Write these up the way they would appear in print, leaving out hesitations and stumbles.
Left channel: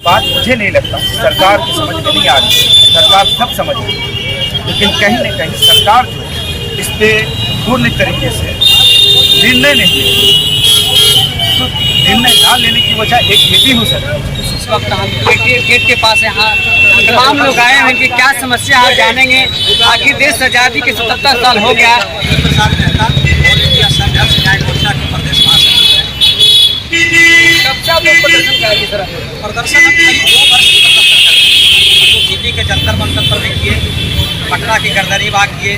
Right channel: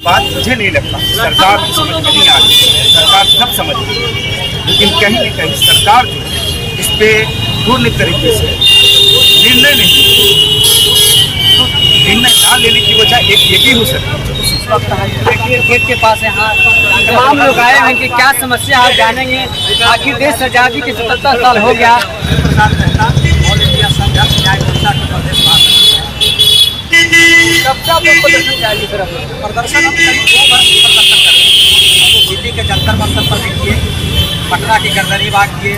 बात मुझे नहीं लगता सरकार को समझ में नहीं आ रही। सरकार सब समझ रही है, लेकिन कहीं न कहीं सरकार जो है इस पे पूर्ण तरीके से निर्णय नहीं ले। तो निर्णय ना लेने की वजह एक ये भी हो सकती है। इस वक्त हम गेट के पास यहाँ तमाम लोग आए हैं कि क्या समस्या है जानेंगे। आखिर देश आज़ादी के 77 साल हो गया। प्रसाद मेहता ऑल इंडिया संघर्ष न्याय मोर्चा के प्रदेश महासचिव हैं। कब से आप लोग प्रदर्शन करेंगे सर? प्रदर्शन हम करीब 2 वर्ष से प्रदर्शन कर रहे हैं। हम लोग दिल्ली के जंतर मंतर पर भी किए, पटना की गर्दनी बाग किए,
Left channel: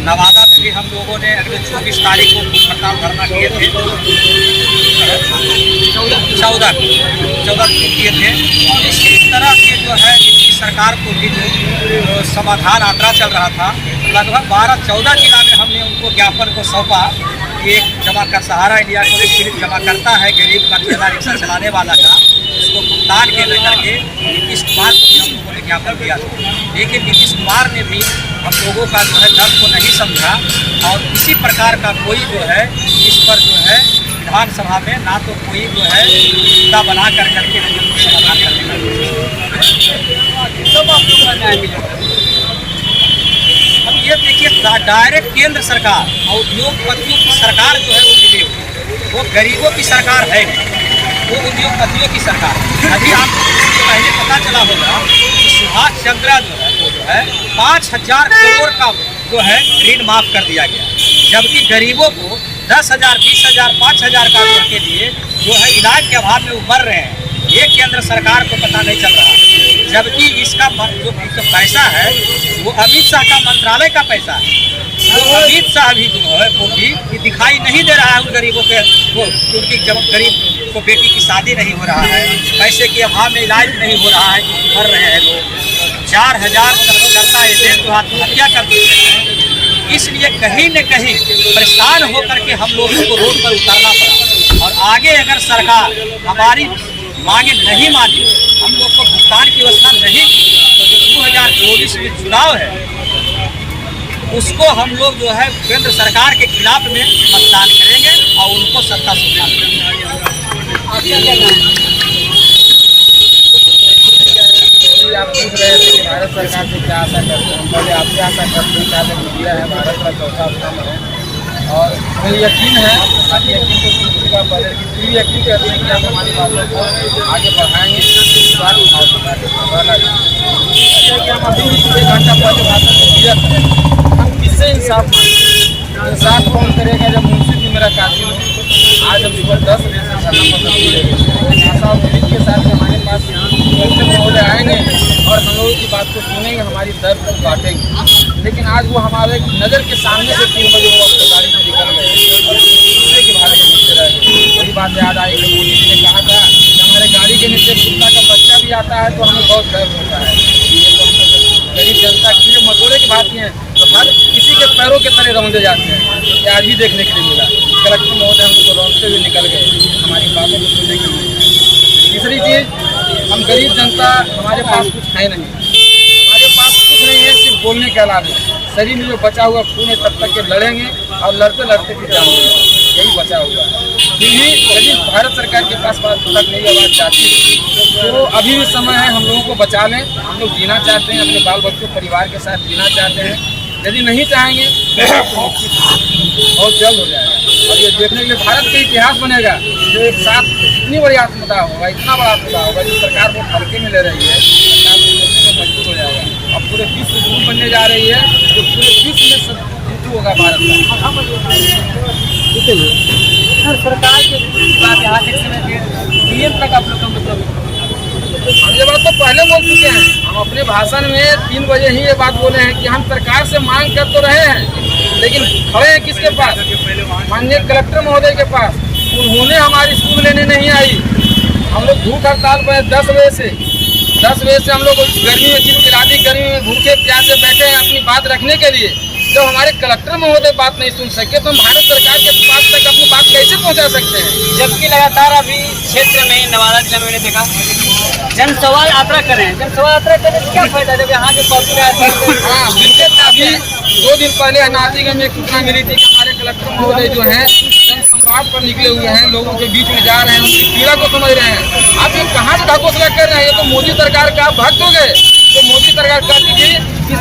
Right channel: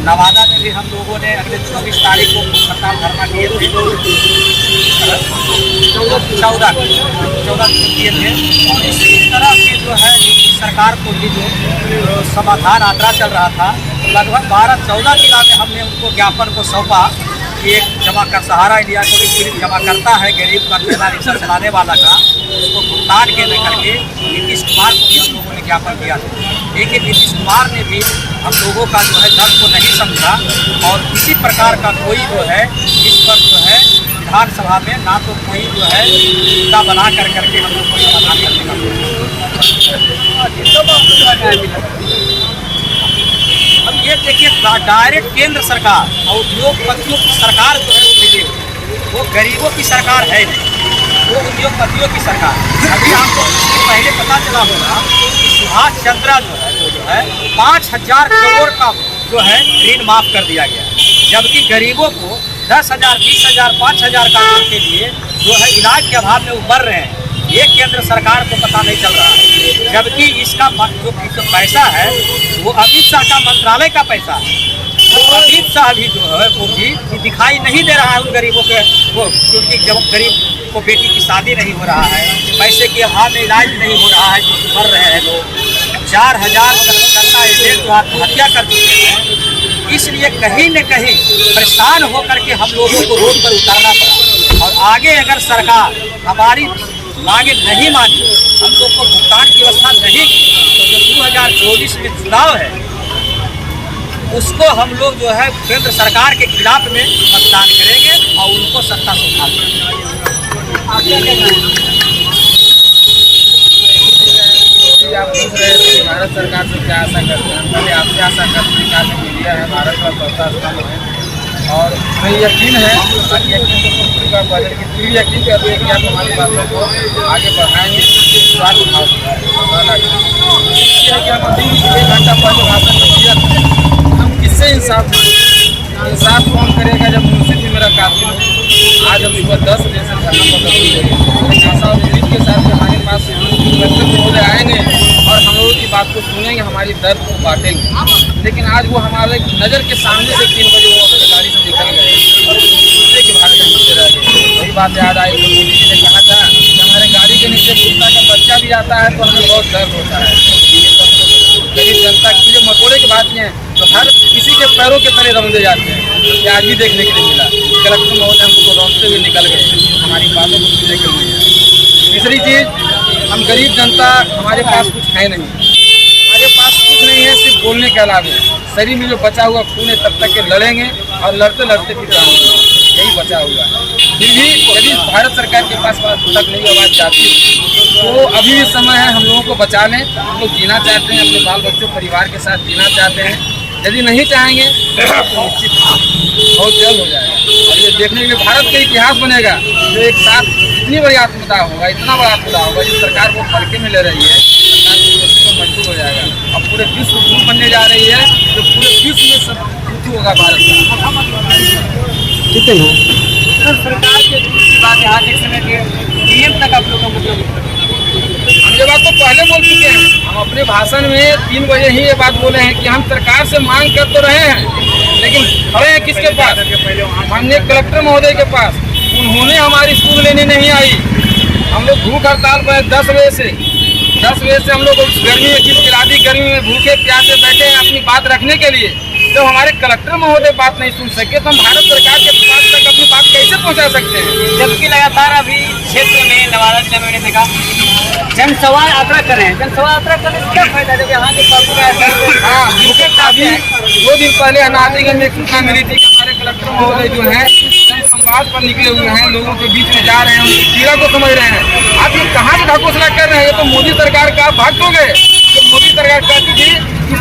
नवादा में भी हम लोगों ने अगले 24 तारीख को भूख हड़ताल धरना किए थे, 14 को किए थे। और इसी तरह के जो है नीतीश सरकार को भी जो समाधान यात्रा चल रहा था, लगभग 12-14 जिला में हमने उनको ज्ञापन को सौंपा कि एक जमा कर सहारा इंडिया को एक जमा करता है गरीब का ठेला रिक्शा चलाने वाला का, उसको भुगतान के लेकर के नीतीश कुमार को भी हम लोगों ने ज्ञापन दिया था। लेकिन नीतीश कुमार ने भी हम लोगों का जो है दर्द को नहीं समझा और किसी प्रकार का कोई जो है इस पर जो है विधानसभा में ना तो कोई जो है मुद्दा बना करके हम लोग को समाधान करने का अब ये देखिए डायरेक्ट केंद्र सरकार और उद्योगपतियों की सरकार जो है वो मिली हुई, वो गरीबों की सरकार है नहीं, वो उद्योगपतियों की सरकार। अभी आपको इससे पहले पता चला होगा कि सुभाष चंद्रा जो है वो जो है 5,000 करोड़ का जो है ऋण माफ कर दिया गया, जबकि गरीबों को 10,000, 20,000, 5,000 का के लिए जो है इलाज के अभाव में वो मर रहे हैं। ये केंद्र सरकार को पता नहीं चल रहा है, जबकि इसका जो पैसा है वो अमित शाह का मंत्रालय का पैसा है। वो अमित शाह भी जो है वो भी दिखाई नहीं दे रहा है उन गरीबों के वो, क्योंकि जब गरीब को बेटी की शादी नहीं हो रहा है, पैसे के अभाव में इलाज नहीं हो रहा है, मर रहे हैं लोग। 4,000 कार्यकर्ता एजेंट जो आत्महत्या कर चुके हैं। इसलिए कहीं न कहीं परेशान होकर के हम लोगों को रोड पर उतारना पड़ा। और आगे अगर सरकार हमारी मांगे नहीं मानी, हम लोग को भुगतान की व्यवस्था नहीं की, तो जो 2024 में चुनाव है उसको हम लोग जो है केंद्र सरकार के खिलाफ में मतदान करेंगे और उनको सत्ता से उठा देंगे। आप पूछ रहे थे कि भारत सरकार से क्या आशा करते हैं। हम पहले आपसे आशा करते हैं कि आज मीडिया है भारत का चौथा स्तंभ है और हमें यकीन है, बाकी यकीन तो पूरी बात बजट की पूरी यकीन करते हैं कि आप हमारी बातों को आगे बढ़ाएंगे। विश्वास उठाओ कि हम अभी 1 घंटा पहले भाषण में दिया था, हम किससे इंसाफ मांगे? इंसाफ कौन करेगा जब मुंशी भी मेरा कातिल हो। आज हम सुबह 10 बजे से धरना प्रदर्शन दे रहे हैं, आशा और उम्मीद के साथ हमारे पास कलेक्टर महोदय आएंगे और हम लोगों की बात को सुनेंगे, हमारी दर्द को बांटेंगे। लेकिन आज वो हमारे नज़र के सामने से 3 बजे वो अपनी गाड़ी से निकल गए और दूसरे के भाग में घूमते रह गए। वही बात याद आई कि मोदी जी ने कहा था कि हमारे गाड़ी के नीचे कुत्ता का बच्चा भी आता है तो हमें बहुत दर्द होता है। ये तो हम लोग गरीब जनता की जो मकोड़े की बात नहीं है, तो हर किसी के पैरों के तले रौंदे जाते हैं, जो कि आज भी देखने के लिए मिला। कलेक्टर महोदय हमको रौंदते हुए निकल गए, हमारी बातों को सुनने के लिए आए। तीसरी चीज़, हम गरीब जनता, हमारे पास कुछ है नहीं, हमारे पास कुछ नहीं है सिर्फ बोलने के अलावा। शरीर में जो बचा हुआ खून है तब तक के लड़ेंगे और लड़ते लड़ते फिर जाएंगे, यही बचा हुआ है। फिर भी यदि भारत सरकार के पास तक नई आवाज़ जाती है तो अभी भी समय है, हम लोगों को बचा लें। हम लोग जीना चाहते हैं, अपने बाल बच्चों परिवार के साथ जीना चाहते हैं। यदि नहीं चाहेंगे तो निश्चित बहुत जल्द हो जाएगा और ये देखने के लिए भारत का इतिहास बनेगा जो एक साथ इतनी बड़ी आत्मदाह होगा, इतना बड़ा आत्मदाह होगा। जिस सरकार वो हल्के में ले रही है, सरकार को सोचने को मजबूर हो जाएगा और पूरे विश्व गुरु बनने जा रही है, जो पूरे विश्व में सब गुरु होगा भारत का। सरकार की बात यहाँ तक समय के पीएम तक आप लोग का मतलब हम ये बात तो पहले बोल चुके हैं। हम अपने भाषण में 3 बजे ही ये बात बोले हैं कि हम सरकार से मांग कर तो रहे हैं, लेकिन खड़े हैं किसके पास? माननीय कलेक्टर महोदय के पास। उन्होंने हमारी सुध लेने नहीं आई। हम लोग भूख हड़ताल पर 10 बजे से हम लोग गर्मी में चिलचिलाती गर्मी में भूखे प्यासे बैठे हैं अपनी बात रखने के लिए। जब हमारे कलेक्टर महोदय बात नहीं सुन सके तो हम भारत सरकार के पास तक अपनी बात कैसे पहुंचा सकते हैं? जबकि लगातार अभी क्षेत्र में नवादा जिला में मैंने देखा जनसंवाद यात्रा करें। जनसंवाद यात्रा करने से क्या फायदा जब यहाँ के पब्लिक? हाँ बिल्कुल। अभी 2 दिन पहले अनाजीगंज में एक सूचना मिली थी कि हमारे कलेक्टर महोदय जो हैं फुटपाथ पर निकले हुए हैं, लोगों के बीच में जा रहे हैं, उनकी पीड़ा को समझ रहे हैं। आप ये कहाँ से ढकोसला कर रहे हैं? ये तो मोदी सरकार का आप भक्त हो गए। तो मोदी सरकार कहती थी कि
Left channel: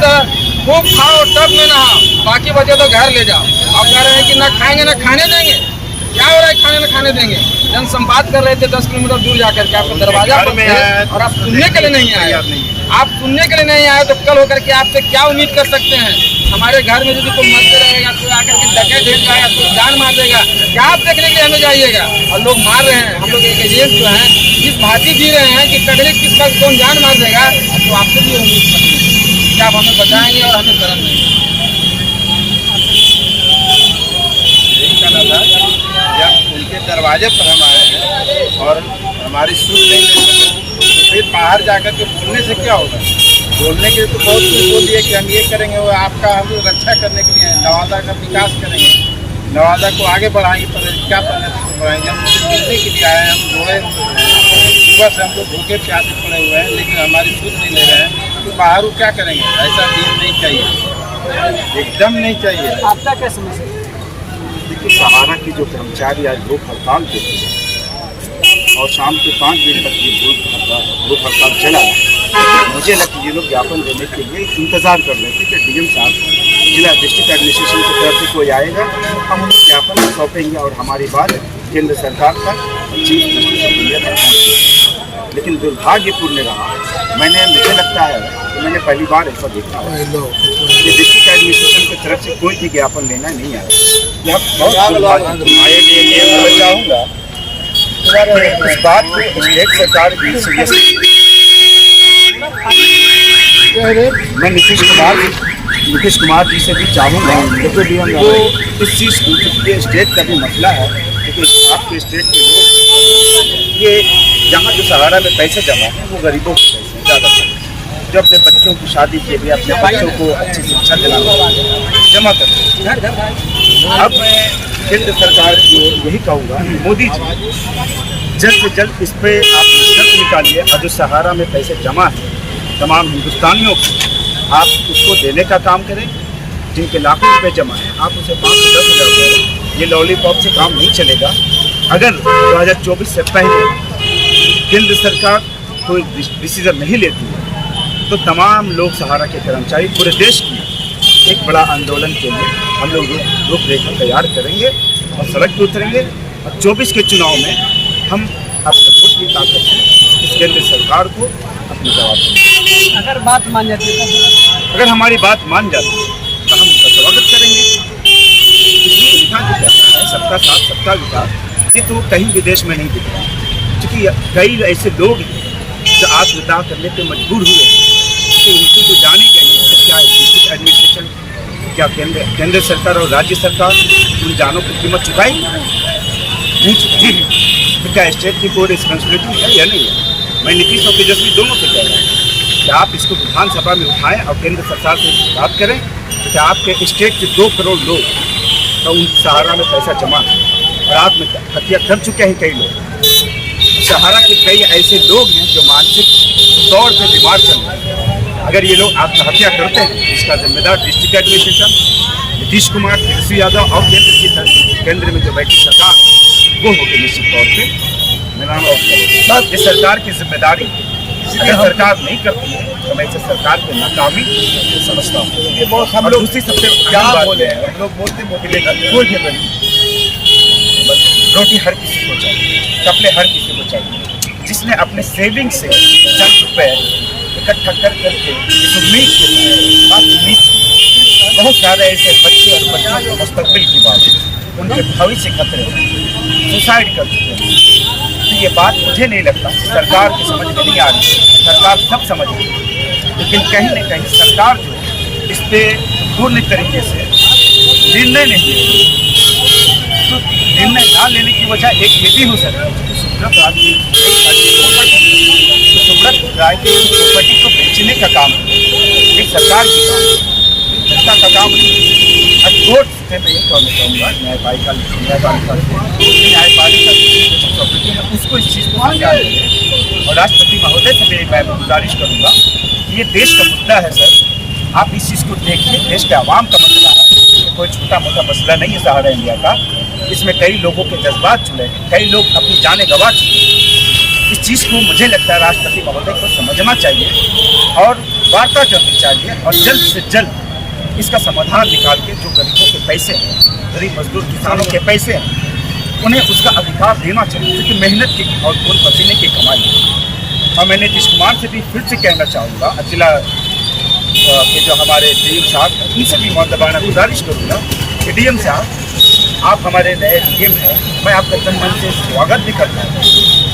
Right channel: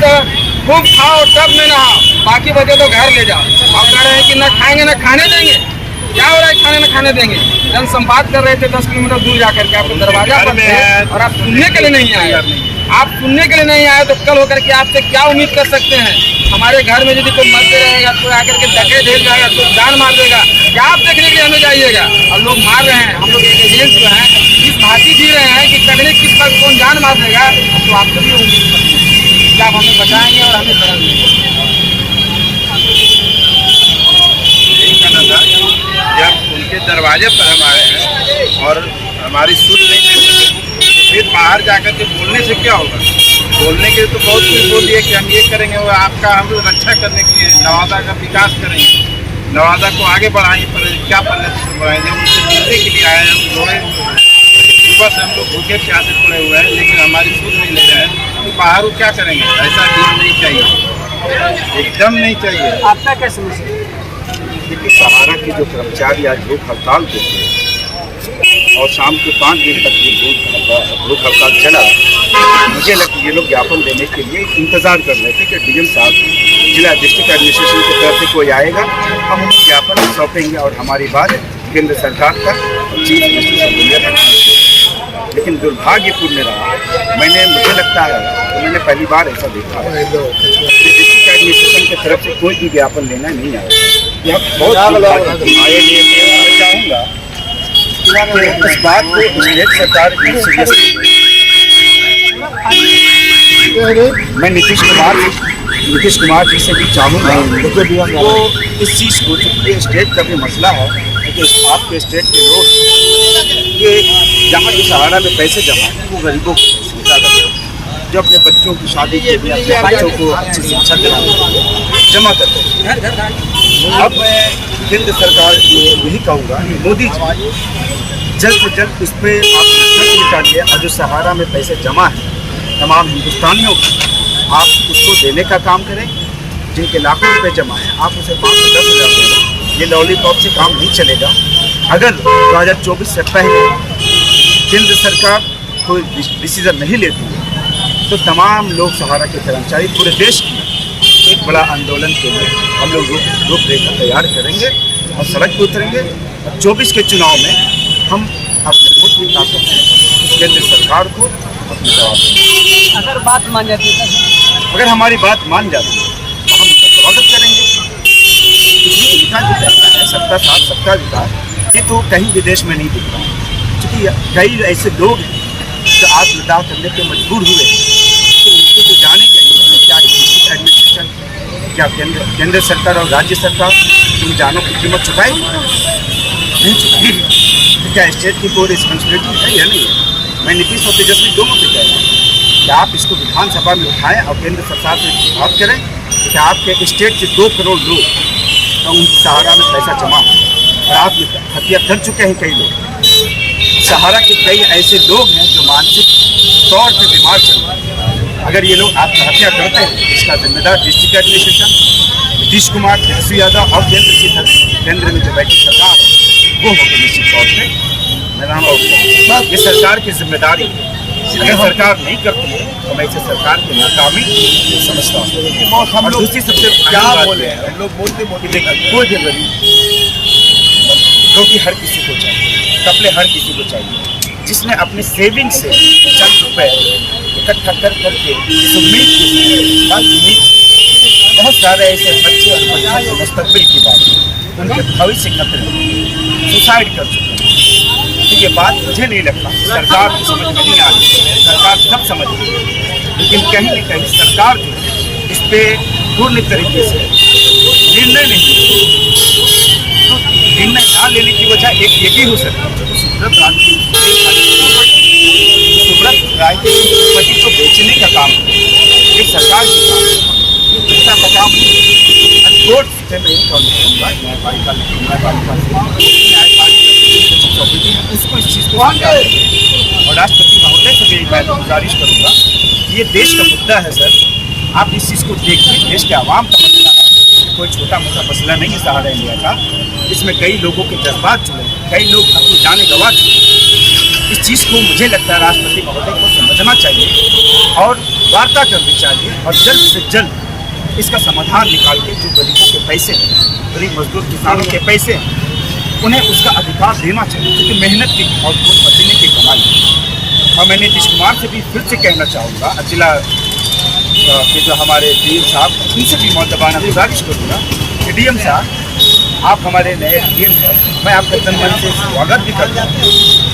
खूब खाओ तब में नहाओ, बाकी बचे तो घर ले जाओ। आप कह रहे हैं कि ना खाएंगे ना खाने देंगे। क्या हो रहा है खाने ना खाने देंगे? जन संवाद कर रहे थे 10 किलोमीटर दूर जाकर के, आपको दरवाजा पर है और आप सुनने के लिए नहीं आए। आप सुनने के लिए नहीं आए तो कल होकर के आपसे क्या उम्मीद कर सकते हैं? हमारे घर में यदि कोई मरते रहेगा तो आकर के डके ढेर जाएगा, कोई जान मार देगा, क्या आप देखने के लिए हमें जाइएगा? और लोग मार रहे हैं, हम लोग एक एजेंट जो है इस भांति जी रहे हैं कि तकनीक किस वक्त कौन जान मार देगा। तो आपसे भी उम्मीद करते हैं कि आप हमें बचाएंगे और हमें शरण देंगे। यही कहना था, जब उनके दरवाजे पर हम आए हैं और हमारी सुन नहीं ले सके तो फिर बाहर जाकर के बोलने से क्या होगा? बोलने के लिए तो बहुत कुछ बोल दिए कि हम ये करेंगे, वो आपका हम रक्षा करने के लिए नवादा का विकास करेंगे, नवादा को आगे बढ़ाएंगे, पर क्या प्रगति को बढ़ाएंगे? हम उनसे मिलने के लिए आए हैं। हम जोड़े सुबह से हम लोग भूखे प्यासे पड़े हुए हैं, लेकिन हमारी सुध नहीं ले रहे हैं। तो बाहर वो क्या करेंगे? ऐसा डील नहीं चाहिए, एकदम नहीं चाहिए। आपका क्या समस्या? देखिए, सहारा के जो कर्मचारी आज भूख हड़ताल पे थे और शाम के 5 बजे तक ये भूख हड़ताल चला, मुझे लगता है ये लोग ज्ञापन देने के लिए इंतज़ार कर रहे थे कि डीएम साहब, जिला डिस्ट्रिक्ट एडमिनिस्ट्रेशन की तरफ से कोई आएगा, हम उन्हें ज्ञापन सौंपेंगे और हमारी बात केंद्र सरकार तक चीफ मिनिस्टर ऑफ इंडिया तक पहुँची। लेकिन दुर्भाग्यपूर्ण रहा। मुझे लगता है कि मैंने पहली बार ऐसा देखा है कि डिस्ट्रिक्ट एडमिनिस्ट्रेशन की तरफ से कोई भी ज्ञापन लेना नहीं आया। यह बहुत दुर्भाग्यपूर्ण है। मैं चाहूँगा कि इस बात को स्टेट सरकार भी सीरियसली, मैं नीतीश कुमार जी से भी चाहूँगा तो इस चीज़ को, क्योंकि स्टेट का भी मसला है, क्योंकि आपके स्टेट के लोग ये जहाँ जो सहारा में पैसे जमा है वो गरीबों के पैसे ज़्यादातर, जो अपने बच्चों की शादी के लिए, अपने बच्चों को अच्छी शिक्षा दिलाने के लिए जमा करते हैं। अब मैं केंद्र सरकार को यही कहूँगा कि मोदी जी जल्द से जल्द इस पर आप निष्कर्ष निकालिए और जो सहारा में पैसे जमा है तमाम हिंदुस्तानियों को, आप उसको देने का काम करें। जिनके लाखों रुपए जमा है आप उसे 5 से 10 हज़ार दें। ये लॉलीपॉप से काम नहीं चलेगा। अगर 2024 से पहले केंद्र सरकार कोई डिसीजन नहीं लेती है तो तमाम लोग सहारा के कर्मचारी पूरे देश की एक बड़ा आंदोलन के लिए हम लोग रूपरेखा तैयार करेंगे और सड़क पर उतरेंगे। और 24 के चुनाव में हम अपने वोट की ताकत से इस केंद्र सरकार को अपने जवाब देंगे। अगर बात मान जाती है, अगर हमारी बात मान जाती है तो हम उनका स्वागत करेंगे। क्योंकि लिखा जो कहता है सबका साथ सबका विकास, ये तो कहीं विदेश में नहीं दिख रहा है। क्योंकि कई ऐसे लोग हैं जो आत्मदाह करने पे मजबूर हुए कि इनको तो जाने गए कि क्या डिस्ट्रिक्ट एडमिनिस्ट्रेशन, क्या केंद्र सरकार और राज्य सरकार उन जानों की कीमत चुकाएगी? नहीं चुकाएगी। तो क्या स्टेट की कोई रिस्पॉन्सिबिलिटी है या नहीं है? मैं नीतीश और तेजस्वी दोनों से कह रहा हूँ कि आप इसको विधानसभा में उठाएं और केंद्र सरकार से बात करें कि आपके स्टेट के 2 करोड़ लोग तो उन सहारा में पैसा जमा है और आत्महत्या कर चुके हैं कई लोग। सहारा के कई ऐसे लोग हैं जो मानसिक तौर पे बीमार चल रहे हैं। अगर ये लोग आत्महत्या करते हैं इसका जिम्मेदार डिस्ट्रिक्ट एडमिनिस्ट्रेशन, नीतीश कुमार, तेजस्वी यादव और केंद्र में जो बैठी सरकार वो होगी निश्चित तौर पर। मेरा नाम और ये सरकार की जिम्मेदारी है। अगर सरकार नहीं करती है तो मैं इसे सरकार की नाकामी समझता हूँ। और दूसरी सबसे अहम बात बोले हम लोग बोलते कोई भी रोटी हर किसी को चाहिए, कपड़े हर किसी को चाहिए। जिसने अपने सेविंग से चंद रुपए इकट्ठा करके इस उम्मीद के उम्मीद, बहुत सारे ऐसे बच्चे और बच्चों के मुस्तकबिल की बात है, उनके भविष्य खतरे सुसाइड कर चुके हैं। तो ये बात मुझे नहीं लगता सरकार की समझ में नहीं आ रही। सरकार सब समझ रही है, लेकिन कहीं न कहीं सरकार जो है इस पर पूर्ण तरीके से निर्णय नहीं ले। तो निर्णय ना लेने की वजह एक ये भी हो सकती है कि सुब्रत राय की प्रॉपर्टी को बेचने का काम एक सरकार की काम है, जनता का काम नहीं। कोर्ट से मैं ये कहना चाहूँगा न्यायपालिका की प्रॉपर्टी है उसको इस चीज़ को संज्ञान देंगे। और राष्ट्रपति महोदय से भी मैं गुजारिश करूँगा कि ये देश का मुद्दा है सर, आप इस चीज़ को देखिए, देश के आवाम का मसला है। कोई छोटा मोटा मसला नहीं है सहारा इंडिया का। इसमें कई लोगों के जज्बात जुड़े हैं, कई लोग अपनी जानें गंवा चुके हैं। इस चीज़ को मुझे लगता है राष्ट्रपति महोदय को समझना चाहिए और वार्ता करनी चाहिए और जल्द से जल्द इसका समाधान निकाल के जो गरीबों के पैसे हैं, गरीब मजदूर किसानों के पैसे हैं, उन्हें उसका अधिकार देना चाहिए, क्योंकि मेहनत की और खून पसीने की कमाई है। और मैं नीतीश कुमार से भी फिर से कहना चाहूँगा, जिला के जो हमारे डीएम साहब हैं उनसे भी मौतबाना गुजारिश करूँगा कि डीएम साहब आप हमारे नए डीएम हैं, मैं आपका तन मन से स्वागत भी करता हूँ।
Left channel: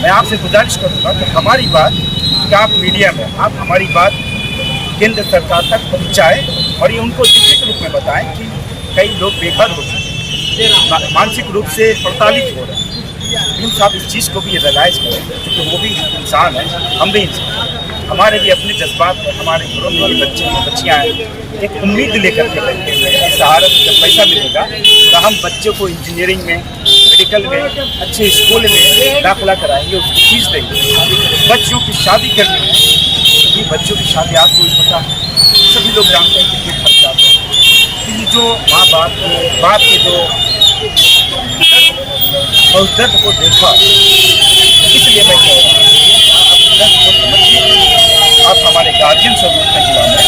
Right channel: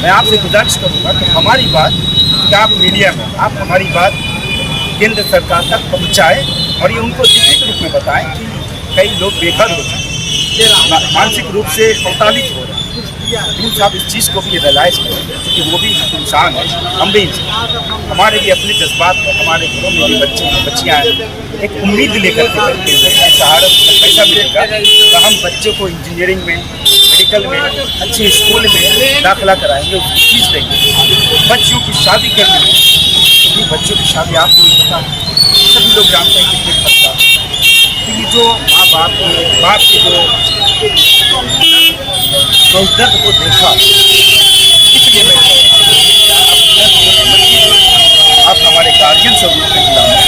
मैं आपसे गुजारिश करूँगा कि हमारी बात कि आप मीडिया में आप हमारी बात केंद्र सरकार तक पहुँचाएँ और ये उनको लिखित रूप में बताएं कि कई लोग बेघर हो चुके हैं, मानसिक रूप से प्रताड़ित हो रहे हैं। डीएम साहब इस चीज़ को भी रियलाइज़ करें, क्योंकि वो भी इंसान है, हम भी इंसान, हमारे भी अपने जज्बात हैं, हमारे घरों में भी बच्चे हैं, बच्चियाँ हैं। एक उम्मीद लेकर के बैठे हुए हैं, सहारा जब पैसा मिलेगा तो हम बच्चों को इंजीनियरिंग में, मेडिकल में, अच्छे स्कूल में दाखिला कराएंगे, उसकी फीस देंगे। बच्चों की शादी करनी है, सभी बच्चों की शादी आपको भी पता है, सभी लोग जानते हैं कितने खर्चा आता है। तो ये जो माँ बाप के जो उस दर्द को देखा, इसलिए मैं कह रहा हूँ आप दर्द को समझिए, आप हमारे गार्जियन स्वरूप के जिला में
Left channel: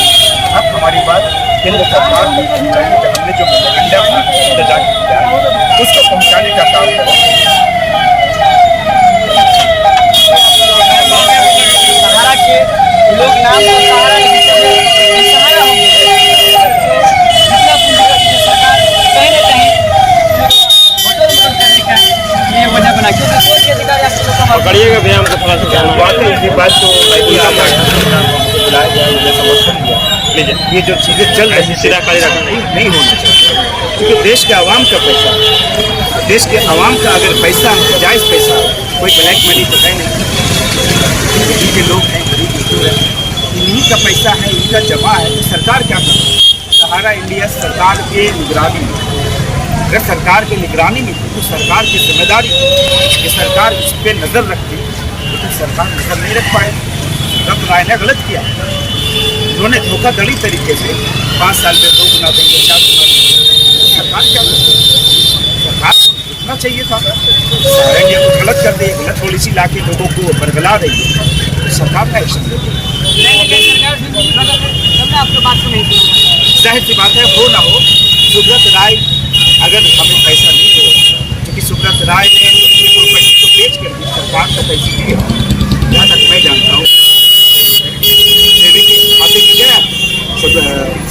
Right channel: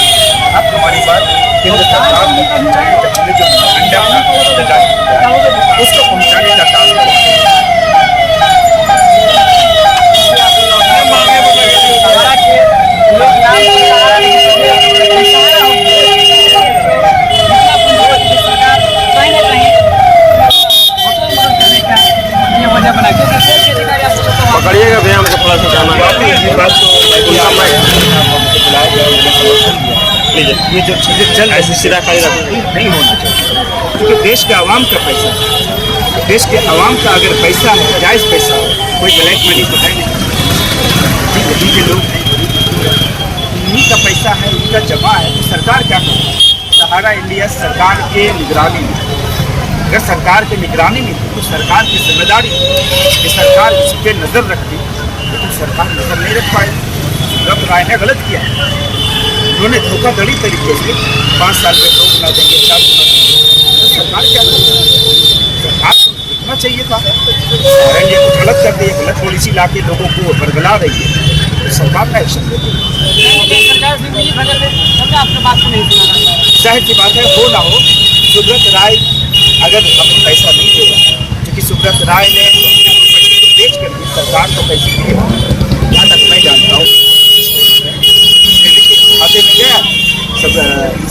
आप हमारी बात केंद्र सरकार तक पहुँचाइए। जो हमने जो मेमोरेंडम जारी किया है उसको पहुँचाने का काम करें। सहारा के लोग नाम तो सहारा सहारा होंगे, जितना पूंजीपति सरकार कहीं ना कहीं होटल मदद करने का ये वजह बना के अधिकारी आपको पकड़िएगा व्यायाम को थोड़ा सा जाना वाकई ये बात तो उनका हमको बुलाया गया, मुझे समर्थन दिया। ये जो चीज़ें चल रही सीधा खाली नहीं होना चाहिए, क्योंकि देश के आवाम का पैसा है, देश के आवाम का अगर पैसा है, जायज़ पैसा है, कोई ब्लैक मनी तो है नहीं। यही के लोग हैं, गरीब मजदूर हैं, इन्हीं का पैसा है, इन्हीं का जमा है, तो सरकार क्या कर रही है? सहारा इंडिया सरकार के निगरानी में, अगर सरकार के निगरानी में थी तो सरकार की जिम्मेदारी कि सरकार इस पर नज़र रखती, लेकिन सरकार नज़र नहीं रख पाई। सुब्रत राय ने गलत किया, उन्होंने धोखाधड़ी तरीके से 5 साल में 2 गुना देंगे, 4 गुना देंगे, तो सरकार क्या कर रही है? सरकार को देखना चाहिए था। सहारा इंडिया को गलत कर दी, गलत पॉलिसी ला के लोगों को बरगला रही है, तो सरकार का एक्शन लेती है। सरकार से मिली भगत है, तब आपके बात को नहीं सुना रहा है। जाहिर सी बात है, हो ना हो, सुब्रत राय अगर हमें पैसा नहीं दे रहा, क्योंकि सुब्रत राय ने अपनी प्रॉपर्टी को बेच कर भी सरकार को पैसे दिए, जहाँ तक मैं जानता हूँ सेवी के खाते में गया, सब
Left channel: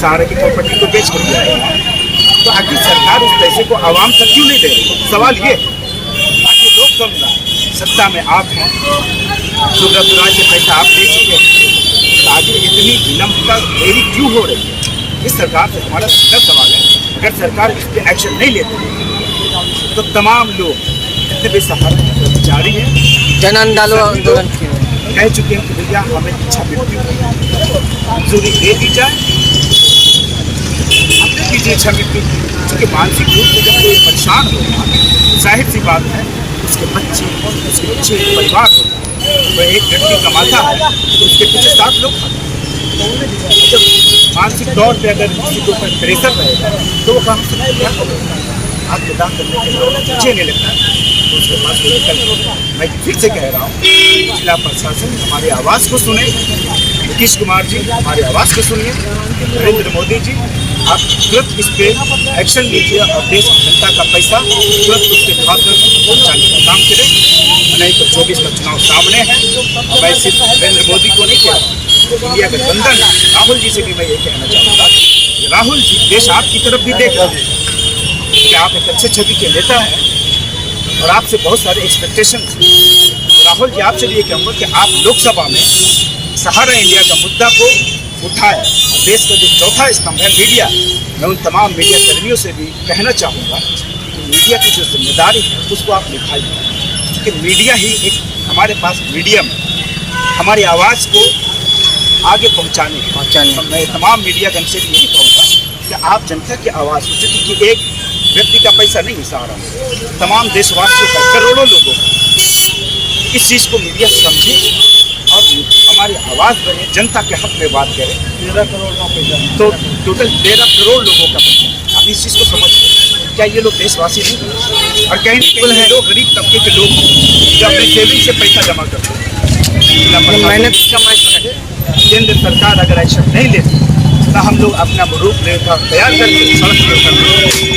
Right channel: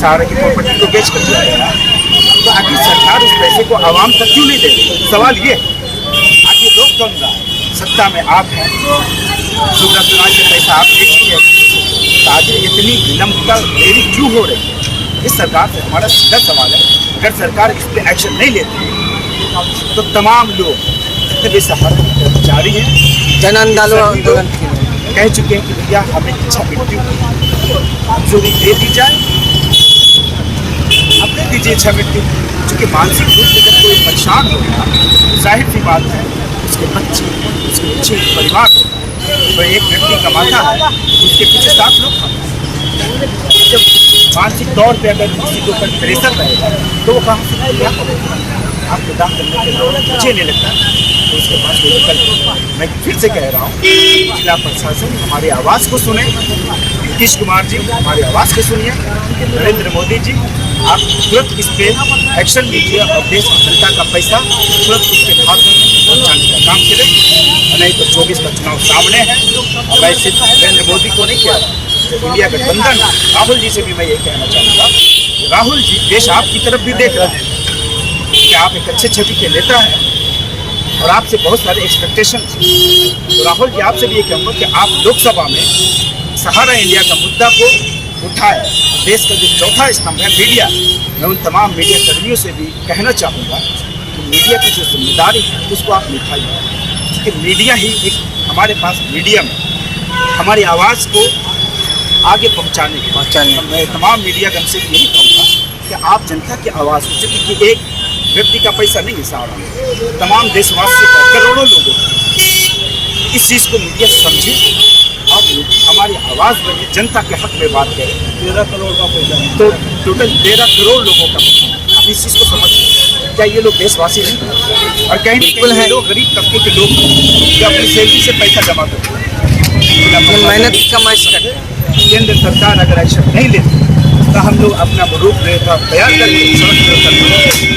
सहारा की प्रॉपर्टी को बेच कर दिया गया। तो आखिर सरकार उस पैसे को आवाम तक क्यों नहीं दे रही? सवाल ये, आखिर रोक कौन रहा है? सत्ता में आप हैं, सुब्रत राय से पैसा आप ले चुके हैं, तो आखिर इतनी विलंबता देरी क्यों हो रही है? इस सरकार से हमारा सीधा सवाल है, अगर सरकार इस पर एक्शन नहीं लेती तो तमाम लोग जितने भी सहारा के कर्मचारी हैं, जन आंदोलन कह चुके हैं कि भैया हमें इच्छा मृत्यु की मंजूरी दे दी जाए, अब दे दीजिए इच्छा मृत्यु। चूँकि मानसिक रूप से जब कोई परेशान होगा, जाहिर सी बात है उसके बच्चे, उसके पीछे परिवार होता है, तो एक व्यक्ति कमाता है तो उसके पीछे 7 लोग खाता है। जब मानसिक तौर पे अगर किसी के ऊपर प्रेशर रहेगा तो वो कहाँ से क्या करेगा? आपको दान करने के लिए मुझे नहीं लगता तो उसके पास कोई विकल्प। मैं फिर से कह रहा हूँ, जिला प्रशासन हमारी आवाज़ को सुने, नीतीश कुमार जी हमारी आवाज़ को सुनिए, नरेंद्र मोदी जी आप तुरंत इस पर एक्शन लीजिए और देश की जनता का पैसा तुरंत उसके खाते में पहुँचाने का काम करें, नहीं तो 24 का चुनाव सामने है। और मैं सिर्फ नरेंद्र मोदी को नहीं कह रहा हूँ, इंडिया गठबंधन राहुल जी से भी मैं ये कहना चाहूँगा, राहुल जी देश आपकी तरफ भी देख रहे हैं कि आप एक अच्छे छवि के नेता हैं और आपसे बहुत सारे एक्सपेक्टेशन हैं। तो राहुल जी आपसे भी ये कहूँगा कि आप लोकसभा में सहारा इंडिया का मुद्दा को उठाए और देश का जो चौथा स्तंभ है मीडिया, मैं उन तमाम मीडिया कर्मियों से भी कहना चाहूँगा कि मीडिया की जो जिम्मेदारी है उसको आप निभाइए, क्योंकि मीडिया ही एक हमारे पास मीडियम है हमारी आवाज़ को आगे पहुँचाने। मैं तमाम मीडियागण से यही कहूँगा कि आप जनता की आवाज़ हो, क्योंकि एक व्यक्ति का पैसा नहीं है सहारा में, तमाम देशवासियों का, करोड़ों लोगों का। इस चीज़ को मीडिया समझे और हमारी आवाज़ बने, जनता के हक में बात करें। 13 करोड़ का पैसा, तो टोटल 13 करोड़ लोगों का पैसा। आप इस चीज़ को समझते, क्या ये लोग देशवासी नहीं हैं? और कहीं ना कहीं ये लोग गरीब तबके के लोग जो अपनी सेविंग से पैसा जमा करते हैं, मेहनत कमाई सकते हैं। केंद्र सरकार अगर एक्शन नहीं लेती तो हम लोग अपना रूपरेखा तैयार करके सड़क पर उतरते हैं।